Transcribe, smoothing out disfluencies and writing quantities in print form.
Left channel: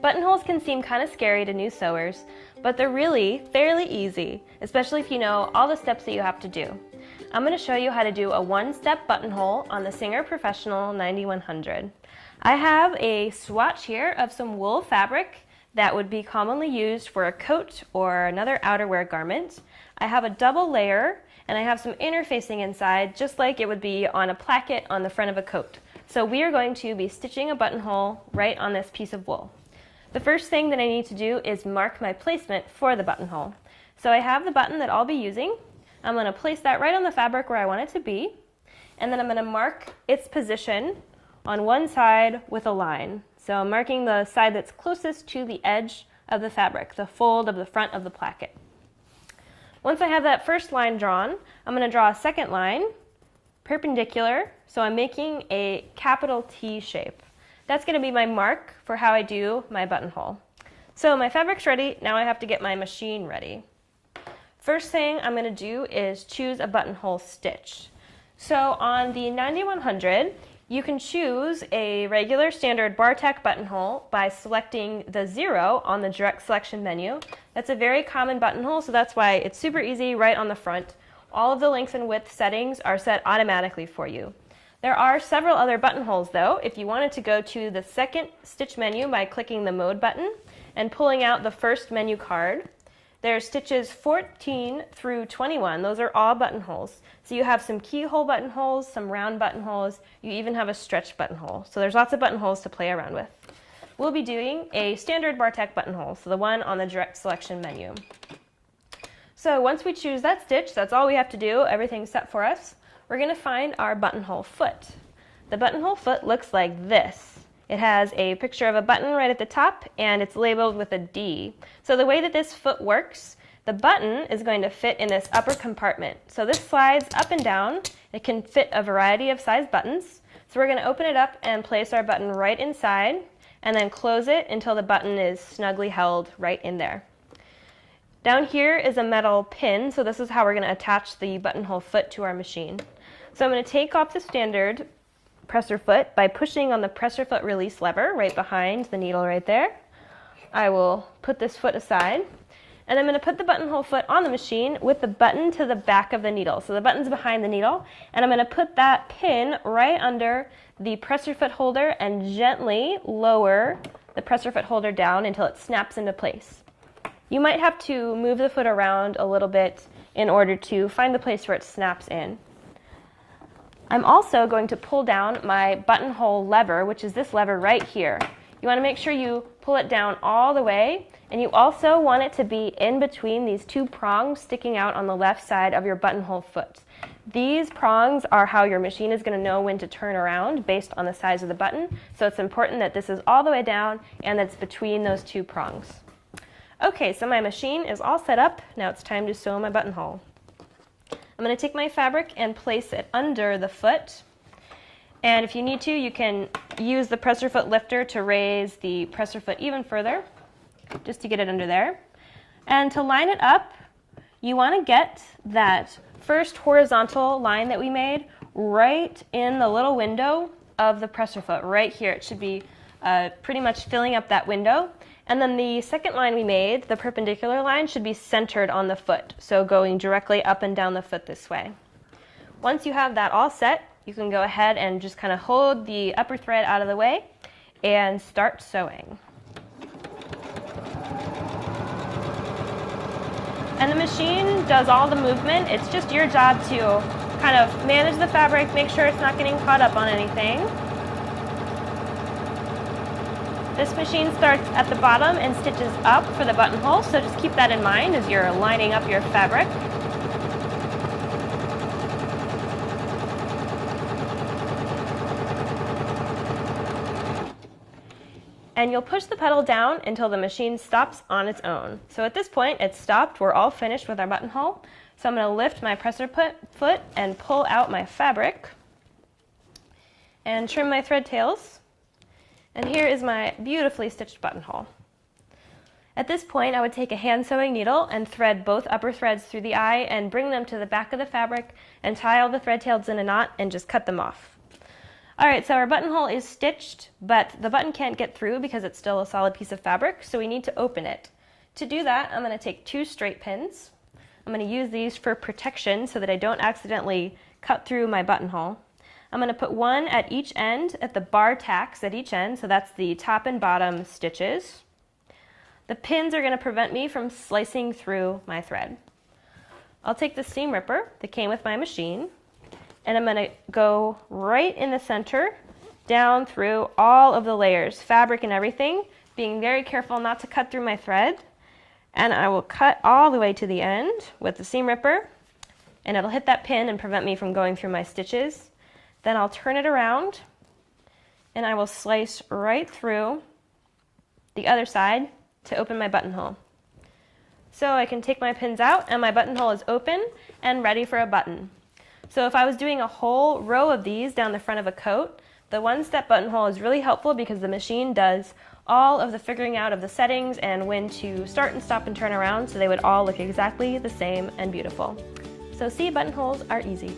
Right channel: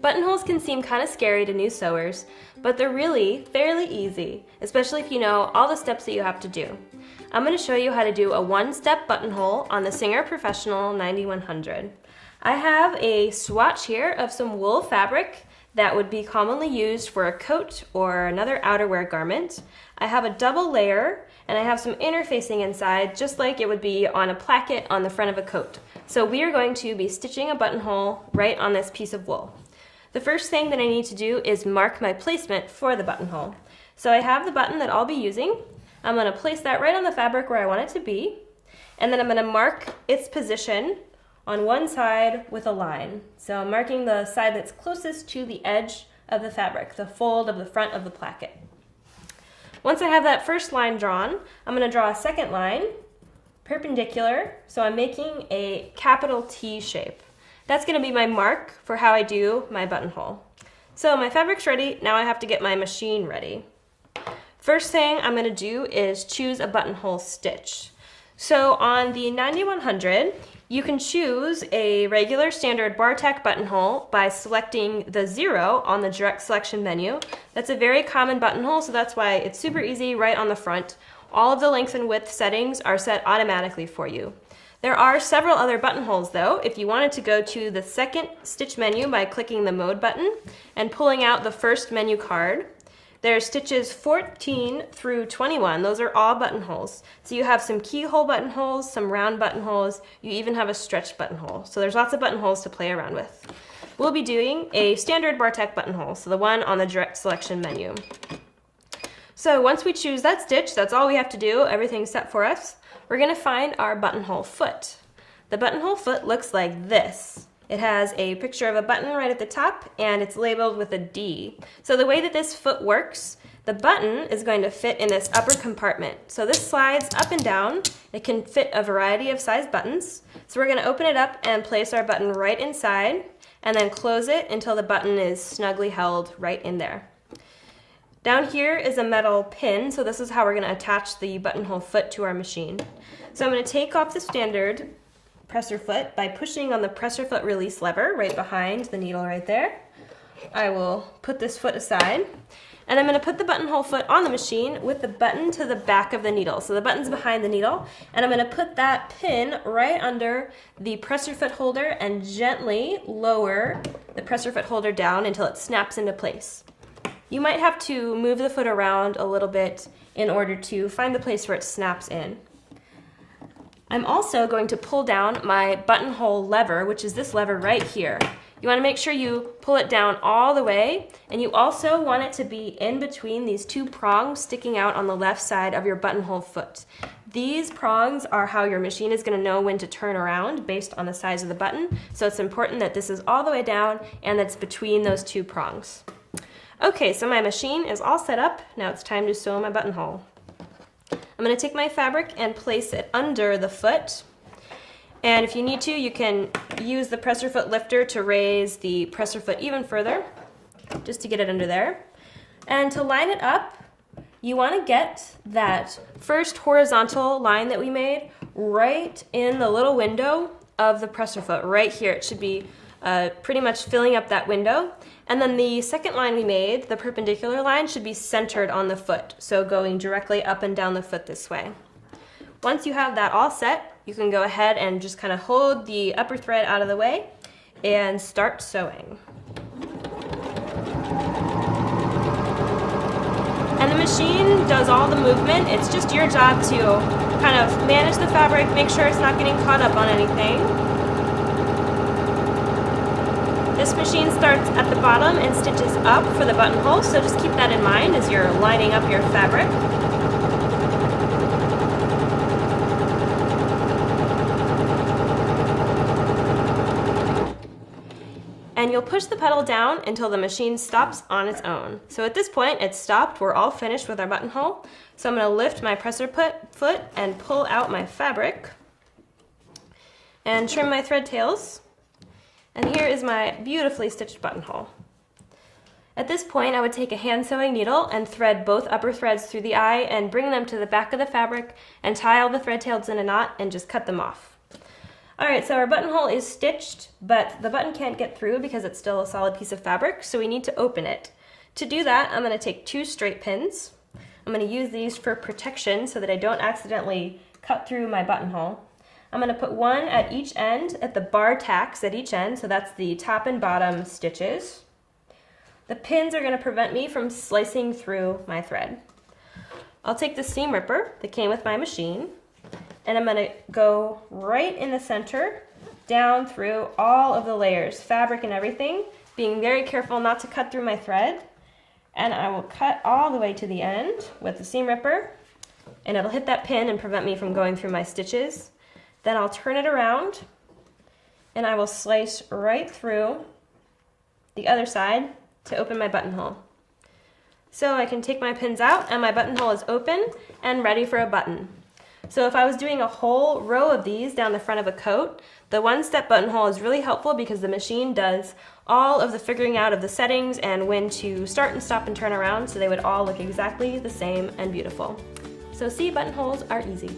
Buttonholes can seem kind of scary to new sewers, but they're really fairly easy, especially if you know all the steps that you have to do. I'm going to show you how to do a one-step buttonhole on the Singer Professional 9100. I have a swatch here of some wool fabric that would be commonly used for a coat or another outerwear garment. I have a double layer and I have some interfacing inside just like it would be on a placket on the front of a coat. So we are going to be stitching a buttonhole right on this piece of wool. The first thing that I need to do is mark my placement for the buttonhole. So I have the button that I'll be using. I'm going to place that right on the fabric where I want it to be, and then I'm going to mark its position on one side with a line. So I'm marking the side that's closest to the edge of the fabric, the fold of the front of the placket. Once I have that first line drawn, I'm going to draw a second line, perpendicular, so I'm making a capital T shape. That's going to be my mark for how I do my buttonhole. So my fabric's ready, now I have to get my machine ready. First thing I'm going to do is choose a buttonhole stitch. So on the 9100, you can choose a regular standard bar tack buttonhole by selecting the 0 on the direct selection menu. That's a very common buttonhole, so that's why it's super easy right on the front. All of the length and width settings are set automatically for you. There are several other buttonholes though. If you wanted to go to the second stitch menu by clicking the mode button and pulling out the first menu card, there's stitches 14 through 21. Those are all buttonholes. So you have some keyhole buttonholes, some round buttonholes, you even have a stretch buttonhole. So there's lots of buttonholes to play around with. We'll be doing a standard bar tack buttonhole, so the one on the direct selection menu. So once we choose that stitch, that's all we have to do, everything's set for us. We're going to find our buttonhole foot. The buttonhole foot looks like this. It has a picture of a button right at the top and it's labeled with a D. So the way that this foot works, the button is going to fit in this upper compartment. So this slides up and down. It can fit a variety of size buttons. So we're going to open it up and place our button right inside and then close it until the button is snugly held right in there. Down here is a metal pin, so this is how we're going to attach the buttonhole foot to our machine. So I'm going to take off the standard presser foot by pushing on the presser foot release lever right behind the needle right there. I will put this foot aside, and I'm going to put the buttonhole foot on the machine with the button to the back of the needle. So the button's behind the needle, and I'm going to put that pin right under the presser foot holder and gently lower the presser foot holder down until it snaps into place. You might have to move the foot around a little bit in order to find the place where it snaps in. I'm also going to pull down my buttonhole lever, which is this lever right here. You want to make sure you pull it down all the way, and you also want it to be in between these two prongs sticking out on the left side of your buttonhole foot. These prongs are how your machine is going to know when to turn around based on the size of the button, so it's important that this is all the way down and that's between those two prongs. Okay, so my machine is all set up. Now it's time to sew my buttonhole. I'm going to take my fabric and place it under the foot. And if you need to, you can use the presser foot lifter to raise the presser foot even further, just to get it under there. And to line it up, you want to get that first horizontal line that we made right in the little window of the presser foot, right here. It should be pretty much filling up that window. And then the second line we made, the perpendicular line, should be centered on the foot, so going directly up and down the foot this way. Once you have that all set, you can go ahead and just kind of hold the upper thread out of the way and start sewing. And the machine does all the movement. It's just your job to kind of manage the fabric, make sure it's not getting caught up on anything. This machine starts at the bottom and stitches up for the buttonhole, so just keep that in mind as you're lining up your fabric. And you'll push the pedal down until the machine stops on its own. So at this point, it's stopped. We're all finished with our buttonhole. So I'm going to lift my presser foot and pull out my fabric and trim my thread tails. And here is my beautifully stitched buttonhole. At this point, I would take a hand sewing needle and thread both upper threads through the eye and bring them to the back of the fabric and tie all the thread tails in a knot and just cut them off. Alright, so our buttonhole is stitched, but the button can't get through because it's still a solid piece of fabric, so we need to open it. To do that, I'm going to take 2 straight pins. I'm going to use these for protection so that I don't accidentally cut through my buttonhole. I'm going to put one at each end, at the bar tacks at each end, so that's the top and bottom stitches. The pins are going to prevent me from slicing through my thread. I'll take the seam ripper that came with my machine, and I'm going to go right in the center, down through all of the layers, fabric and everything, being very careful not to cut through my thread. And I will cut all the way to the end with the seam ripper, and it'll hit that pin and prevent me from going through my stitches. Then I'll turn it around, and I will slice right through the other side to open my buttonhole. So I can take my pins out and my buttonhole is open and ready for a button. So if I was doing a whole row of these down the front of a coat, the one-step buttonhole is really helpful because the machine does all of the figuring out of the settings and when to start and stop and turn around so they would all look exactly the same and beautiful. So see, buttonholes are easy.